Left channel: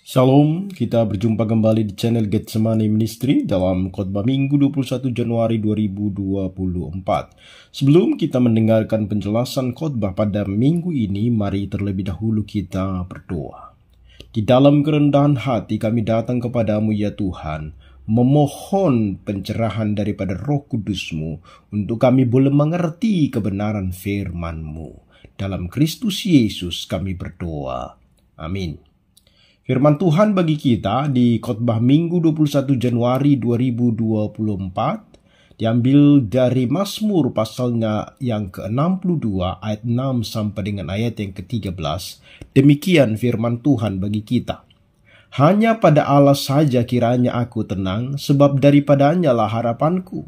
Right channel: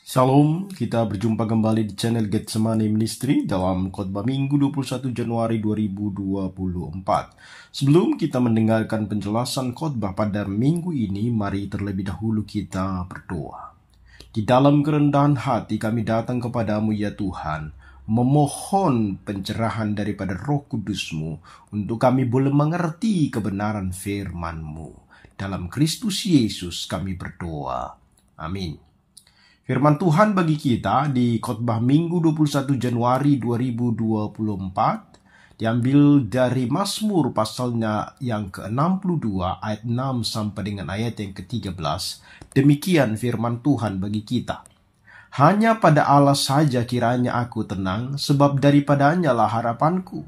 Shalom, kita berjumpa kembali di channel Getsemani Ministry dalam khotbah Minggu 21 Januari 2024. Sebelum kita mendengarkan penjelasan khotbah pada minggu ini, mari terlebih dahulu kita berdoa. Di dalam kerendahan hati kami datang kepadamu ya Tuhan, memohon pencerahan daripada Roh Kudus-Mu untuk kami boleh mengerti kebenaran firman-Mu. Dalam Kristus Yesus kami berdoa. Amin. Firman Tuhan bagi kita di khotbah Minggu 21 Januari 2024 diambil dari Mazmur pasalnya yang ke-62 ayat 6 sampai dengan ayat yang ke-13. Demikian firman Tuhan bagi kita. Hanya pada Allah saja kiranya aku tenang, sebab daripadanya lah harapanku.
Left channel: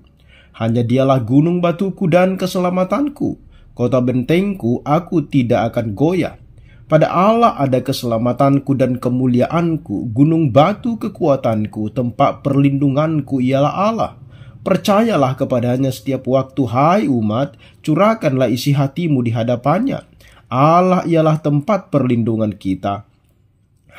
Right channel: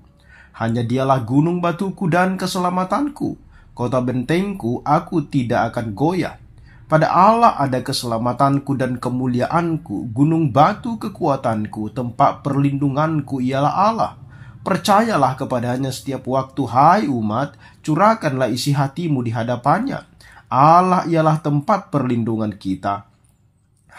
Hanya dialah gunung batuku dan keselamatanku, kota bentengku, aku tidak akan goyah. Pada Allah ada keselamatanku dan kemuliaanku, gunung batu kekuatanku, tempat perlindunganku ialah Allah. Percayalah kepadanya setiap waktu, hai umat, curahkanlah isi hatimu di hadapannya. Allah ialah tempat perlindungan kita.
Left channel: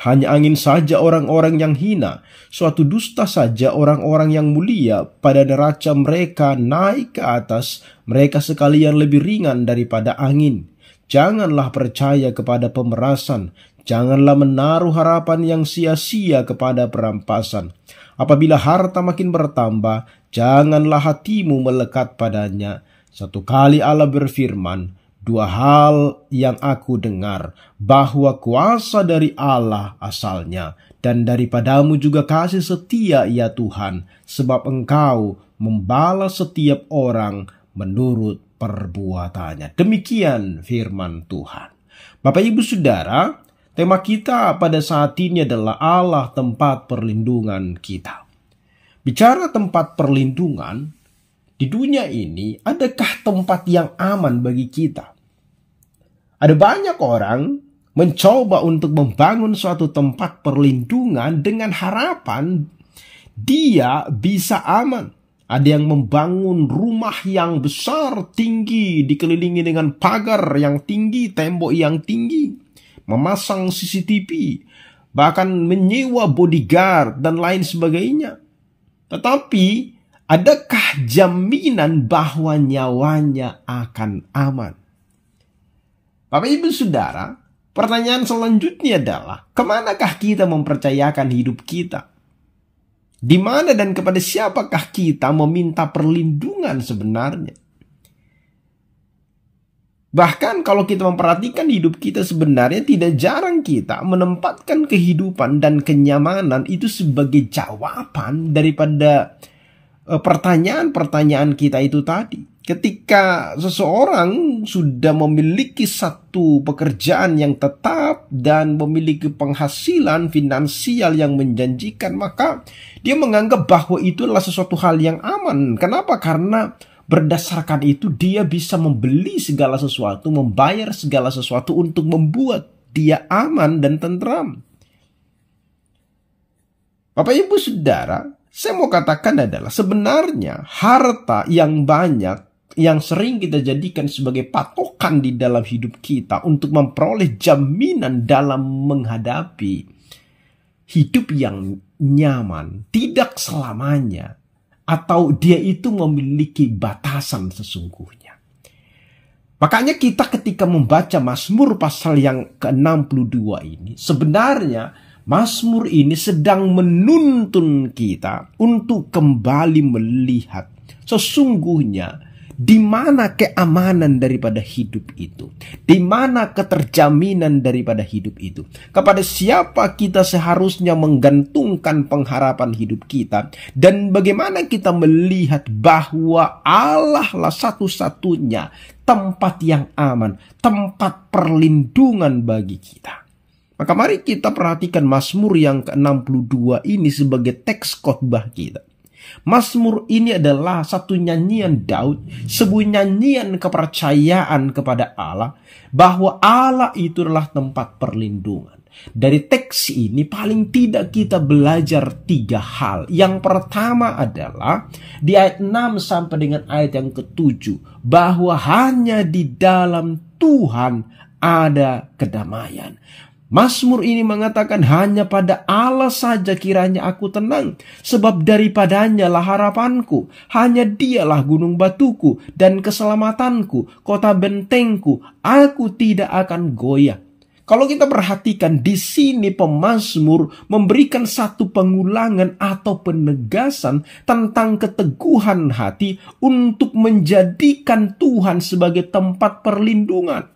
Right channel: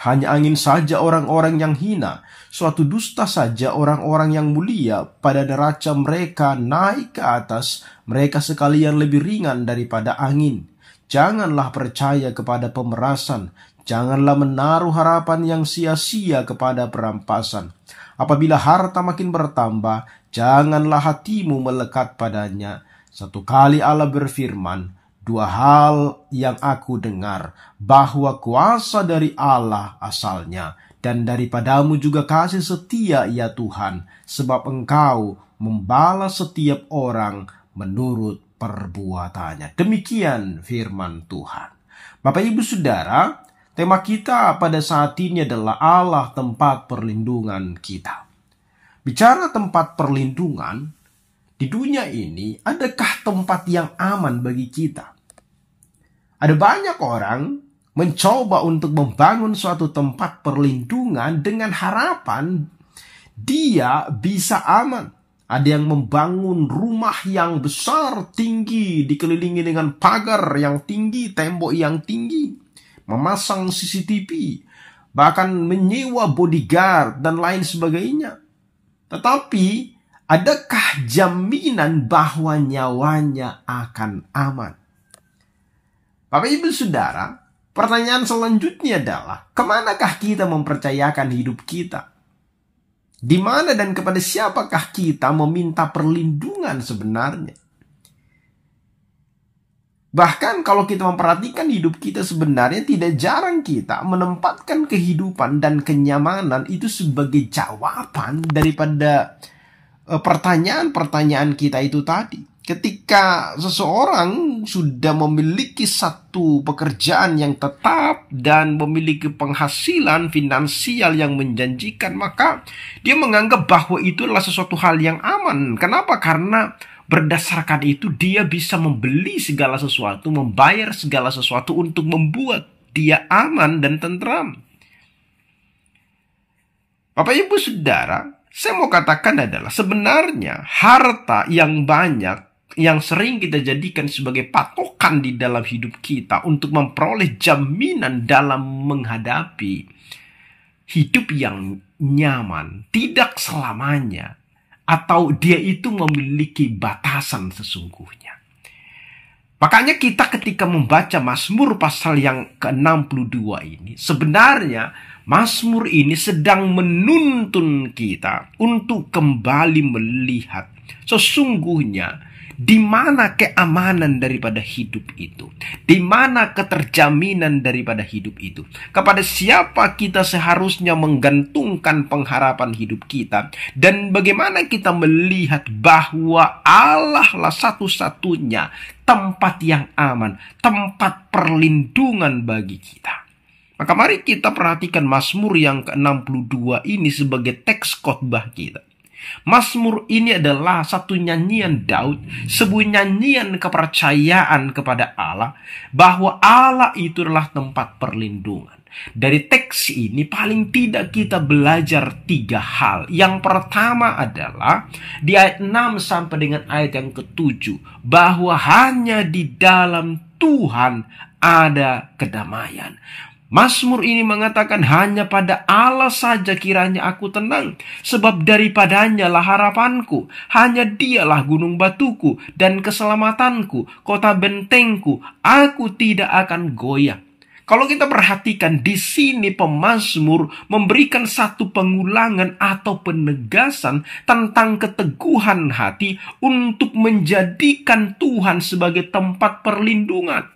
Hanya angin saja orang-orang yang hina, suatu dusta saja orang-orang yang mulia, pada neraca mereka naik ke atas, mereka sekalian lebih ringan daripada angin. Janganlah percaya kepada pemerasan, janganlah menaruh harapan yang sia-sia kepada perampasan. Apabila harta makin bertambah, janganlah hatimu melekat padanya. Satu kali Allah berfirman, dua hal yang aku dengar, bahwa kuasa dari Allah asalnya, dan daripadamu juga kasih setia ya Tuhan, sebab Engkau membalas setiap orang menurut perbuatannya. Demikian firman Tuhan. Bapak Ibu Saudara, tema kita pada saat ini adalah Allah tempat perlindungan kita. Bicara tempat perlindungan, di dunia ini adakah tempat yang aman bagi kita? Ada banyak orang mencoba untuk membangun suatu tempat perlindungan dengan harapan dia bisa aman. Ada yang membangun rumah yang besar, tinggi, dikelilingi dengan pagar yang tinggi, tembok yang tinggi, memasang CCTV, bahkan menyewa bodyguard dan lain sebagainya. Tetapi, adakah jaminan bahwa nyawanya akan aman? Bapak Ibu Saudara, pertanyaan selanjutnya adalah, kemanakah kita mempercayakan hidup kita? Di mana dan kepada siapakah kita meminta perlindungan sebenarnya? Bahkan kalau kita memperhatikan hidup kita sebenarnya tidak jarang kita menempatkan kehidupan dan kenyamanan itu sebagai jawaban daripada pertanyaan-pertanyaan kita itu tadi. Ketika seseorang sudah memiliki satu pekerjaan yang tetap dan memiliki penghasilan finansial yang menjanjikan, maka dia menganggap bahwa itu adalah sesuatu hal yang aman. Kenapa? Karena berdasarkan itu dia bisa membeli segala sesuatu, membayar segala sesuatu untuk membuat dia aman dan tentram. Bapak Ibu Saudara, saya mau katakan adalah sebenarnya harta yang banyak yang sering kita jadikan sebagai patokan di dalam hidup kita untuk memperoleh jaminan dalam menghadapi hidup yang nyaman, tidak selamanya, atau dia itu memiliki batasan sesungguhnya. Makanya kita ketika membaca Mazmur pasal yang ke-62 ini, sebenarnya Mazmur ini sedang menuntun kita untuk kembali melihat sesungguhnya di mana keamanan daripada hidup itu? Di mana keterjaminan daripada hidup itu? Kepada siapa kita seharusnya menggantungkan pengharapan hidup kita? Dan bagaimana kita melihat bahwa Allah lah satu-satunya tempat yang aman, tempat perlindungan bagi kita. Maka mari kita perhatikan Mazmur yang ke-62 ini sebagai teks khotbah kita. Mazmur ini adalah satu nyanyian Daud, sebuah nyanyian kepercayaan kepada Allah, bahwa Allah itu adalah tempat perlindungan. Dari teks ini paling tidak kita belajar 3 hal. Yang pertama adalah di ayat 6 sampai dengan ayat yang ke-7, bahwa hanya di dalam Tuhan ada kedamaian. Mazmur ini mengatakan hanya pada Allah saja kiranya aku tenang, sebab daripadanya lah harapanku. Hanya dialah gunung batuku dan keselamatanku, kota bentengku, aku tidak akan goyah. Kalau kita perhatikan di sini pemazmur memberikan satu pengulangan atau penegasan tentang keteguhan hati untuk menjadikan Tuhan sebagai tempat perlindungan.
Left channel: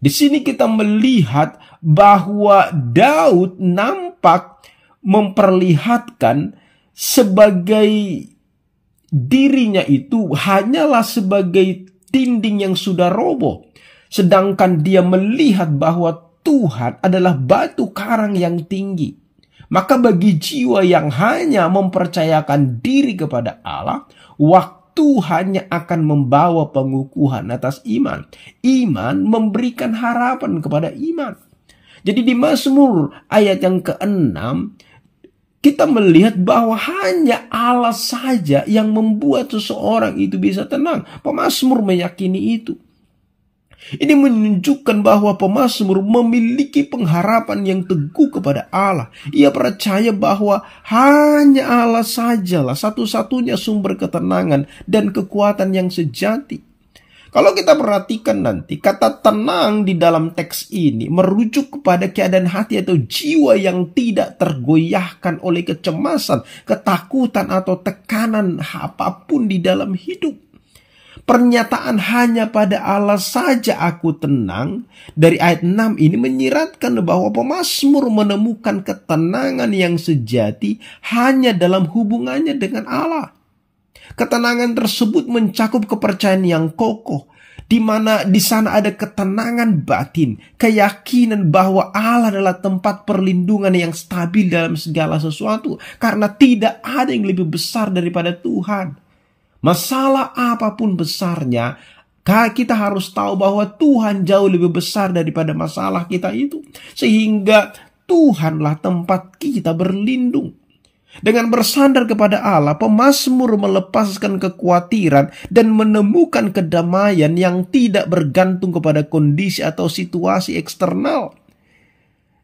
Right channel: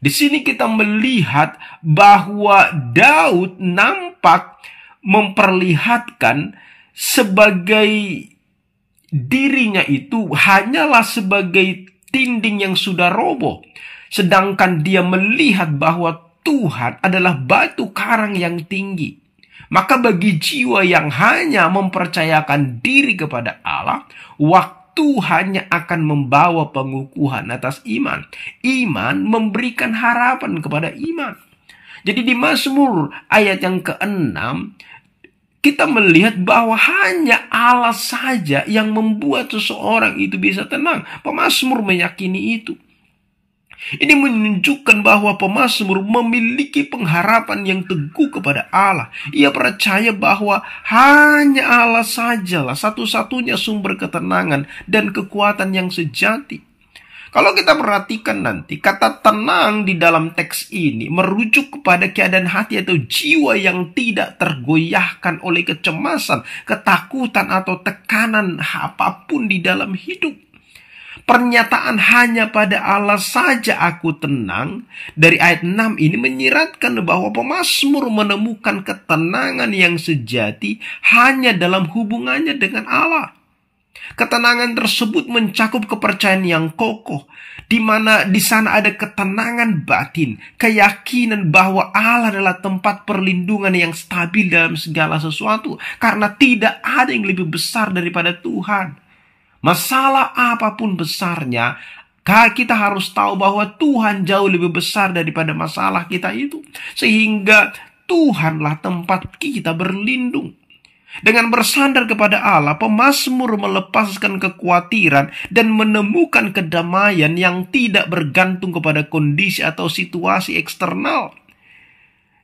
Di sini kita melihat bahwa Daud nampak memperlihatkan sebagai dirinya itu hanyalah sebagai dinding yang sudah roboh. Sedangkan dia melihat bahwa Tuhan adalah batu karang yang tinggi. Maka bagi jiwa yang hanya mempercayakan diri kepada Allah, waktu hanya akan membawa pengukuhan atas iman. Iman memberikan harapan kepada iman. Jadi di Mazmur ayat yang ke-6, kita melihat bahwa hanya Allah saja yang membuat seseorang itu bisa tenang. Pemazmur meyakini itu. Ini menunjukkan bahwa pemazmur memiliki pengharapan yang teguh kepada Allah. Ia percaya bahwa hanya Allah sajalah satu-satunya sumber ketenangan dan kekuatan yang sejati. Kalau kita perhatikan nanti, kata tenang di dalam teks ini merujuk kepada keadaan hati atau jiwa yang tidak tergoyahkan oleh kecemasan, ketakutan, atau tekanan apapun di dalam hidup. Pernyataan hanya pada Allah saja aku tenang dari ayat 6 ini menyiratkan bahwa pemazmur menemukan ketenangan yang sejati hanya dalam hubungannya dengan Allah. Ketenangan tersebut mencakup kepercayaan yang kokoh, di mana di sana ada ketenangan batin, keyakinan bahwa Allah adalah tempat perlindungan yang stabil dalam segala sesuatu, karena tidak ada yang lebih besar daripada Tuhan. Masalah apapun besarnya, kita harus tahu bahwa Tuhan jauh lebih besar daripada masalah kita itu. Sehingga Tuhanlah tempat kita berlindung. Dengan bersandar kepada Allah, pemazmur melepaskan kekhawatiran dan menemukan kedamaian yang tidak bergantung kepada kondisi atau situasi eksternal.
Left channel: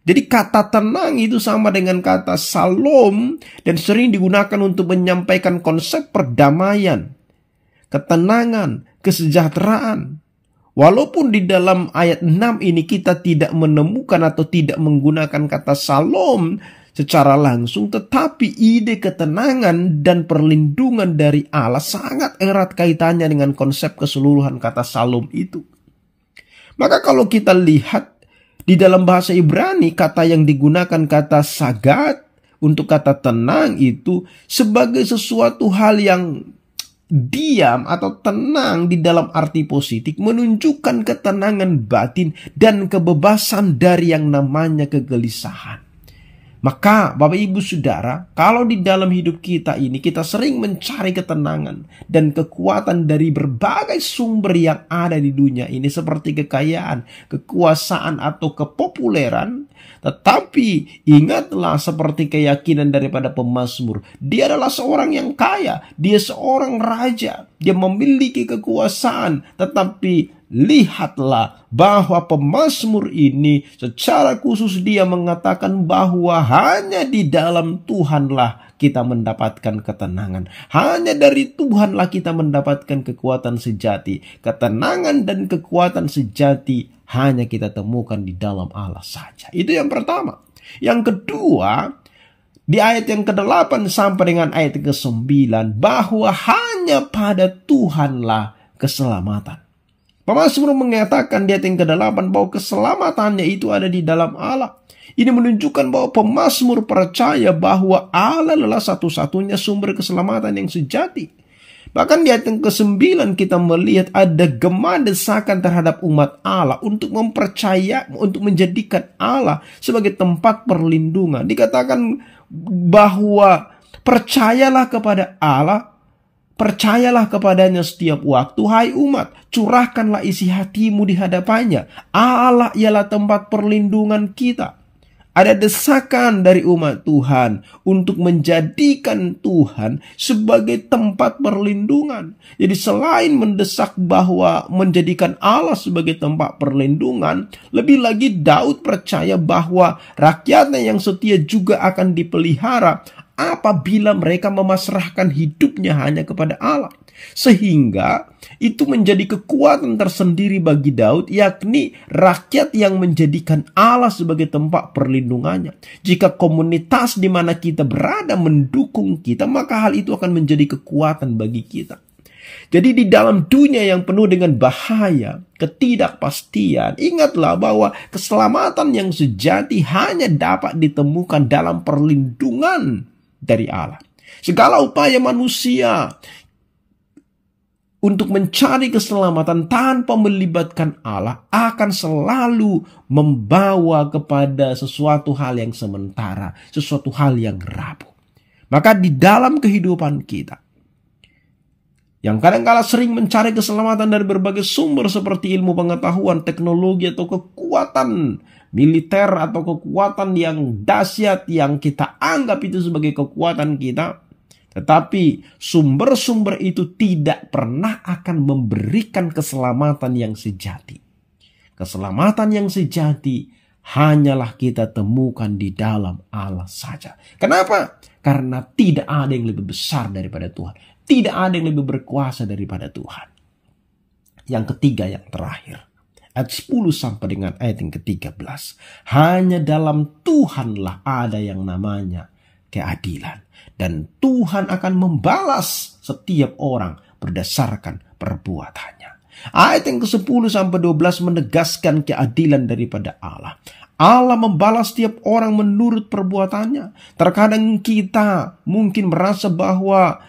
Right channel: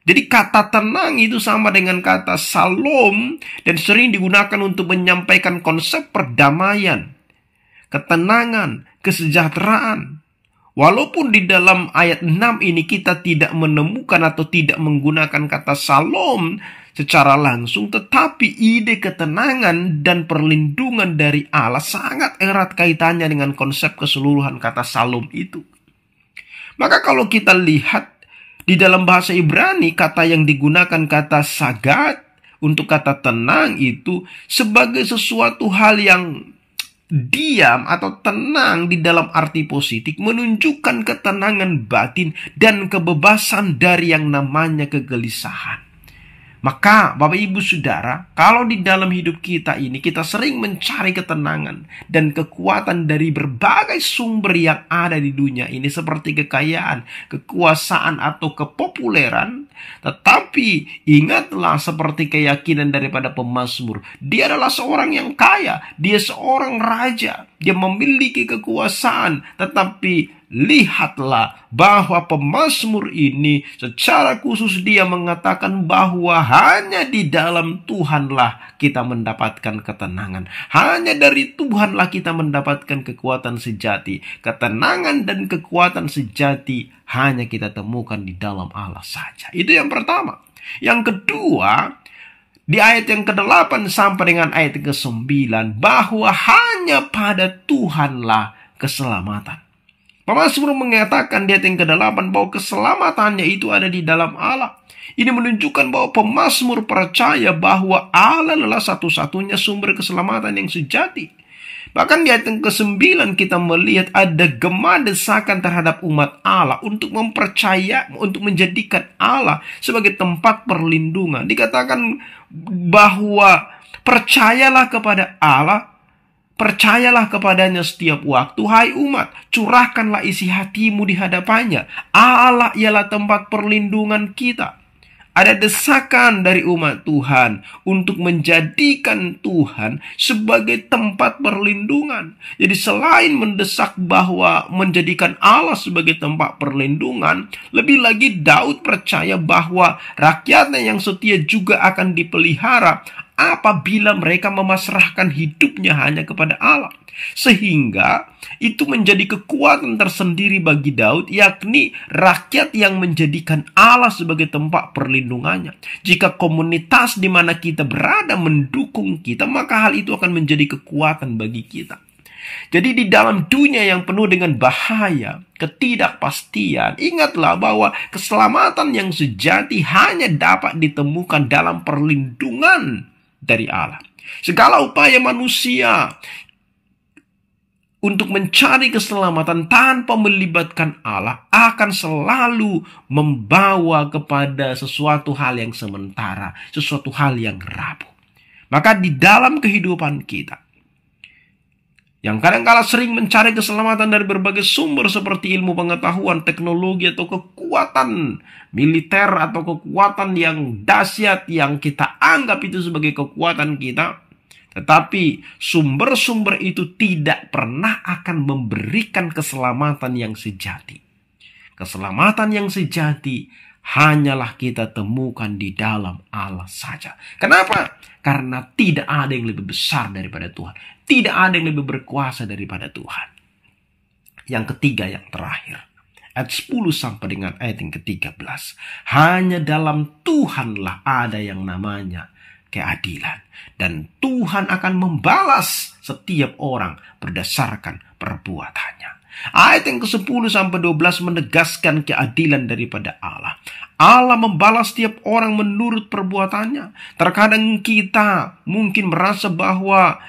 Jadi kata tenang itu sama dengan kata salom dan sering digunakan untuk menyampaikan konsep perdamaian, ketenangan, kesejahteraan. Walaupun di dalam ayat 6 ini kita tidak menemukan atau tidak menggunakan kata salom secara langsung, tetapi ide ketenangan dan perlindungan dari Allah sangat erat kaitannya dengan konsep keseluruhan kata salom itu. Maka kalau kita lihat di dalam bahasa Ibrani, kata yang digunakan kata sagat untuk kata tenang itu sebagai sesuatu hal yang diam atau tenang di dalam arti positif, menunjukkan ketenangan batin dan kebebasan dari yang namanya kegelisahan. Maka Bapak Ibu Saudara, kalau di dalam hidup kita ini kita sering mencari ketenangan dan kekuatan dari berbagai sumber yang ada di dunia ini, seperti kekayaan, kekuasaan, atau kepopuleran. Tetapi ingatlah seperti keyakinan daripada pemazmur, dia adalah seorang yang kaya, dia seorang raja, dia memiliki kekuasaan. Tetapi lihatlah bahwa pemazmur ini secara khusus dia mengatakan bahwa hanya di dalam Tuhanlah kita mendapatkan ketenangan. Hanya dari Tuhanlah kita mendapatkan kekuatan sejati. Ketenangan dan kekuatan sejati hanya kita temukan di dalam Allah saja. Itu yang pertama. Yang kedua, di ayat yang ke-8 sampai dengan ayat ke-9, bahwa hanya pada Tuhanlah keselamatan. Pemazmur mengatakan di ayat yang ke-8 bahwa keselamatannya itu ada di dalam Allah. Ini menunjukkan bahwa pemazmur percaya bahwa Allah adalah satu-satunya sumber keselamatan yang sejati. Bahkan di ayat yang ke-9 kita melihat ada gema desakan terhadap umat Allah untuk untuk menjadikan Allah sebagai tempat perlindungan. Dikatakan bahwa percayalah kepada Allah, percayalah kepadanya setiap waktu, hai umat, curahkanlah isi hatimu di hadapannya. Allah ialah tempat perlindungan kita. Ada desakan dari umat Tuhan untuk menjadikan Tuhan sebagai tempat perlindungan. Jadi selain mendesak bahwa menjadikan Allah sebagai tempat perlindungan, lebih lagi Daud percaya bahwa rakyatnya yang setia juga akan dipelihara apabila mereka memasrahkan hidupnya hanya kepada Allah. Sehingga itu menjadi kekuatan tersendiri bagi Daud, yakni rakyat yang menjadikan Allah sebagai tempat perlindungannya. Jika komunitas di mana kita berada mendukung kita, maka hal itu akan menjadi kekuatan bagi kita. Jadi di dalam dunia yang penuh dengan bahaya, ketidakpastian, ingatlah bahwa keselamatan yang sejati hanya dapat ditemukan dalam perlindungan dari Allah. Segala upaya manusia untuk mencari keselamatan tanpa melibatkan Allah akan selalu membawa kepada sesuatu hal yang sementara, sesuatu hal yang rapuh. Maka di dalam kehidupan kita, yang kadang-kala sering mencari keselamatan dari berbagai sumber seperti ilmu pengetahuan, teknologi, atau kekuatan militer, atau kekuatan yang dahsyat yang kita anggap itu sebagai kekuatan kita, tetapi sumber-sumber itu tidak pernah akan memberikan keselamatan yang sejati. Keselamatan yang sejati hanyalah kita temukan di dalam Allah saja. Kenapa? Karena tidak ada yang lebih besar daripada Tuhan. Tidak ada yang lebih berkuasa daripada Tuhan. Yang ketiga, yang terakhir. Ayat 10 sampai dengan ayat yang ke-13. Hanya dalam Tuhanlah ada yang namanya keadilan. Dan Tuhan akan membalas setiap orang berdasarkan perbuatannya. Ayat yang ke-10 sampai 12 menegaskan keadilan daripada Allah. Allah membalas setiap orang menurut perbuatannya. Terkadang kita mungkin merasa bahwa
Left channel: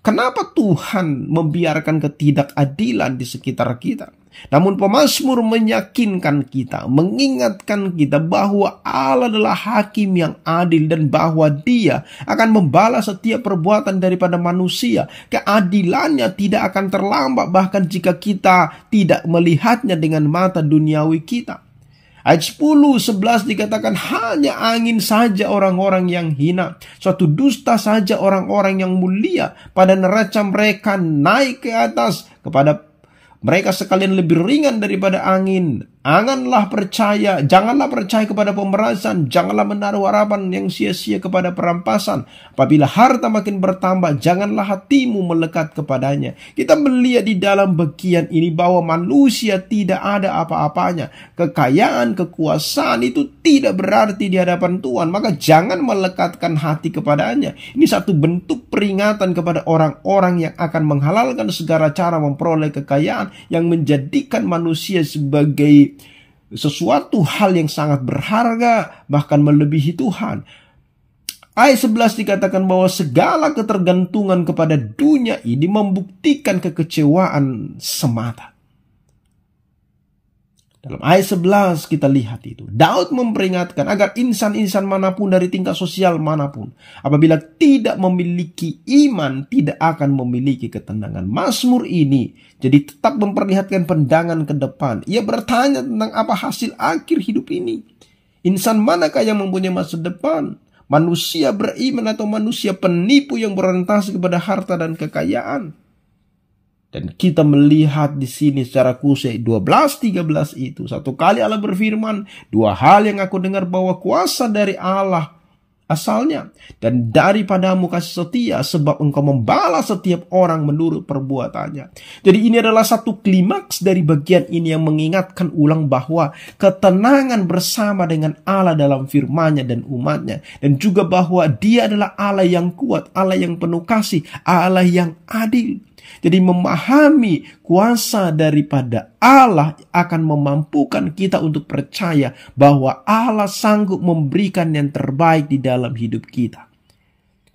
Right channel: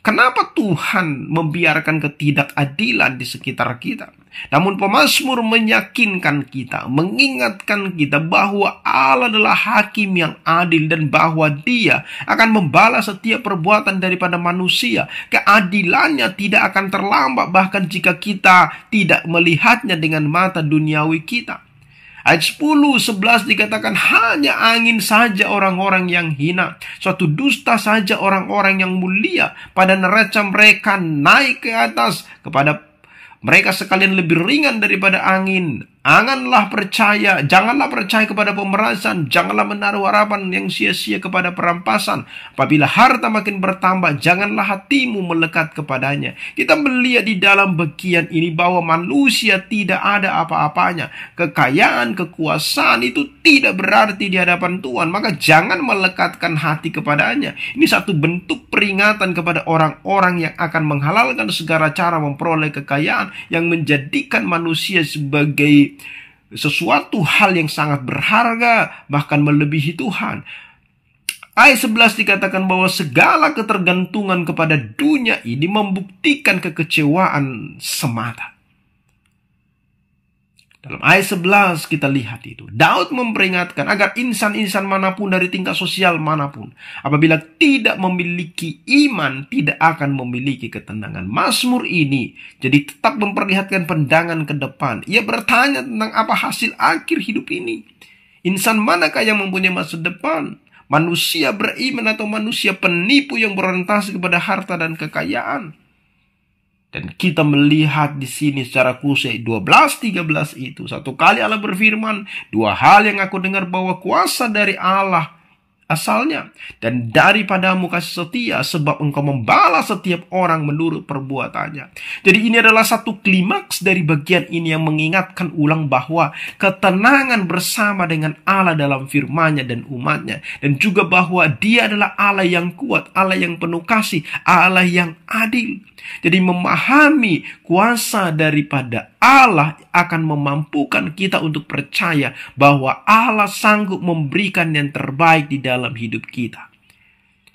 kenapa Tuhan membiarkan ketidakadilan di sekitar kita? Namun pemazmur meyakinkan kita, mengingatkan kita bahwa Allah adalah hakim yang adil dan bahwa Dia akan membalas setiap perbuatan daripada manusia. Keadilannya tidak akan terlambat bahkan jika kita tidak melihatnya dengan mata duniawi kita. Ayat 10-11 dikatakan hanya angin saja orang-orang yang hina, suatu dusta saja orang-orang yang mulia. Pada neraca mereka naik ke atas, kepada mereka sekalian lebih ringan daripada angin. Janganlah percaya kepada pemerasan, janganlah menaruh harapan yang sia-sia kepada perampasan. Apabila harta makin bertambah, janganlah hatimu melekat kepadanya. Kita melihat di dalam bagian ini bahwa manusia tidak ada apa-apanya. Kekayaan, kekuasaan itu tidak berarti di hadapan Tuhan. Maka jangan melekatkan hati kepadanya. Ini satu bentuk peringatan kepada orang-orang yang akan menghalalkan segala cara memperoleh kekayaan yang menjadikan manusia sebagai sesuatu hal yang sangat berharga, bahkan melebihi Tuhan. Ayat 11 dikatakan bahwa segala ketergantungan kepada dunia ini membuktikan kekecewaan semata. Dalam ayat 11 kita lihat itu. Daud memperingatkan agar insan-insan manapun dari tingkat sosial manapun, apabila tidak memiliki iman, tidak akan memiliki ketenangan. Mazmur ini jadi tetap memperlihatkan pandangan ke depan. Ia bertanya tentang apa hasil akhir hidup ini. Insan manakah yang mempunyai masa depan? Manusia beriman atau manusia penipu yang berorientasi kepada harta dan kekayaan? Dan kita melihat di sini secara khusus 12-13 itu. Satu kali Allah berfirman, dua hal yang aku dengar bahwa kuasa dari Allah asalnya, dan daripadamu kasih setia, sebab engkau membalas setiap orang menurut perbuatannya. Jadi ini adalah satu klimaks dari bagian ini yang mengingatkan ulang bahwa ketenangan bersama dengan Allah dalam firman-Nya dan umat-Nya, dan juga bahwa Dia adalah Allah yang kuat, Allah yang penuh kasih, Allah yang adil. Jadi memahami kuasa daripada Allah akan memampukan kita untuk percaya bahwa Allah sanggup memberikan yang terbaik di dalam hidup kita.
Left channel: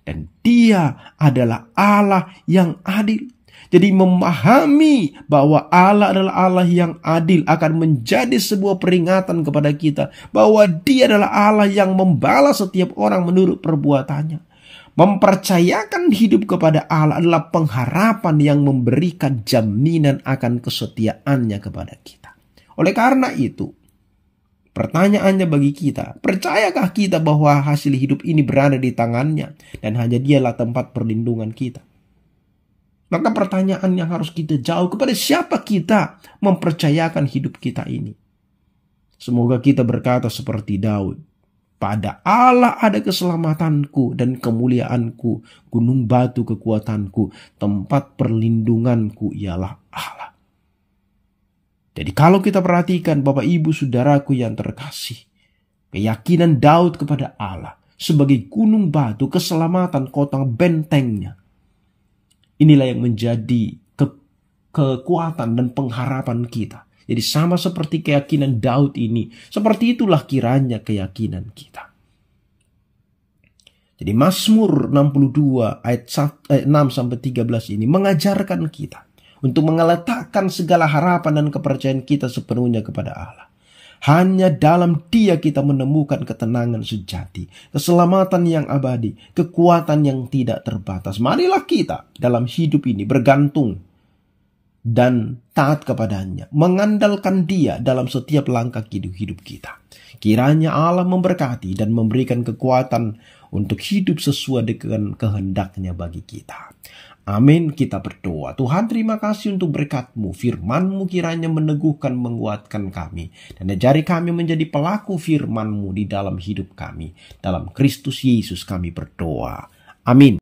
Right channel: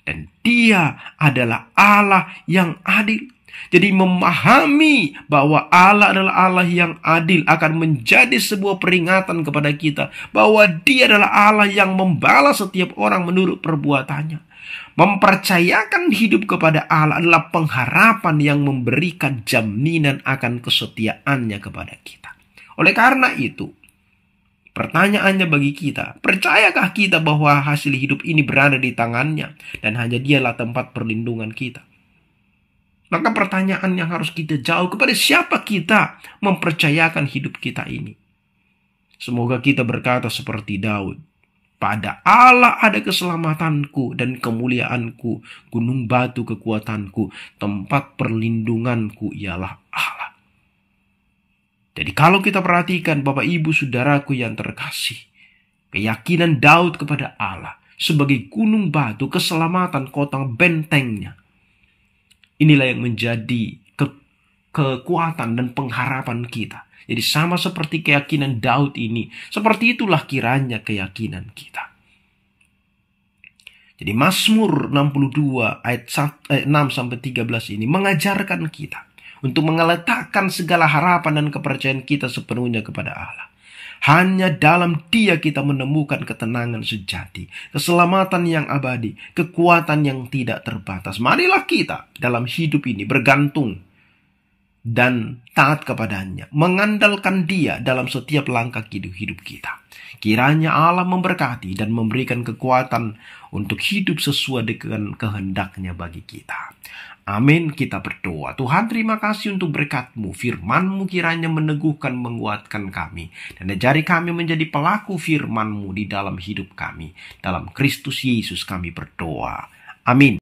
Dan Dia adalah Allah yang adil. Jadi memahami bahwa Allah adalah Allah yang adil akan menjadi sebuah peringatan kepada kita bahwa Dia adalah Allah yang membalas setiap orang menurut perbuatannya. Mempercayakan hidup kepada Allah adalah pengharapan yang memberikan jaminan akan kesetiaannya kepada kita. Oleh karena itu, Pertanyaannya bagi kita, percayakah kita bahwa hasil hidup ini berada di tangannya dan hanya dialah tempat perlindungan kita? Maka pertanyaan yang harus kita jawab, kepada siapa kita mempercayakan hidup kita ini? Semoga kita berkata seperti Daud, pada Allah ada keselamatanku dan kemuliaanku, gunung batu kekuatanku, tempat perlindunganku ialah Allah. Jadi kalau kita perhatikan Bapak Ibu Saudaraku yang terkasih, keyakinan Daud kepada Allah sebagai gunung batu, keselamatan, kota bentengnya, inilah yang menjadi kekuatan dan pengharapan kita. Jadi sama seperti keyakinan Daud ini, seperti itulah kiranya keyakinan kita. Jadi Mazmur 62 ayat 6-13 ini mengajarkan kita untuk meletakkan segala harapan dan kepercayaan kita sepenuhnya kepada Allah. Hanya dalam Dia kita menemukan ketenangan sejati, keselamatan yang abadi, kekuatan yang tidak terbatas. Marilah kita dalam hidup ini bergantung dan taat kepadanya, mengandalkan Dia dalam setiap langkah hidup kita. Kiranya Allah memberkati dan memberikan kekuatan untuk hidup sesuai dengan kehendak-Nya bagi kita. Amin. Kita berdoa. Tuhan, terima kasih untuk berkat-Mu. Firman-Mu kiranya meneguhkan, menguatkan kami, dan ajari kami menjadi pelaku firman-Mu di dalam hidup kami. Dalam Kristus Yesus kami berdoa. Amin.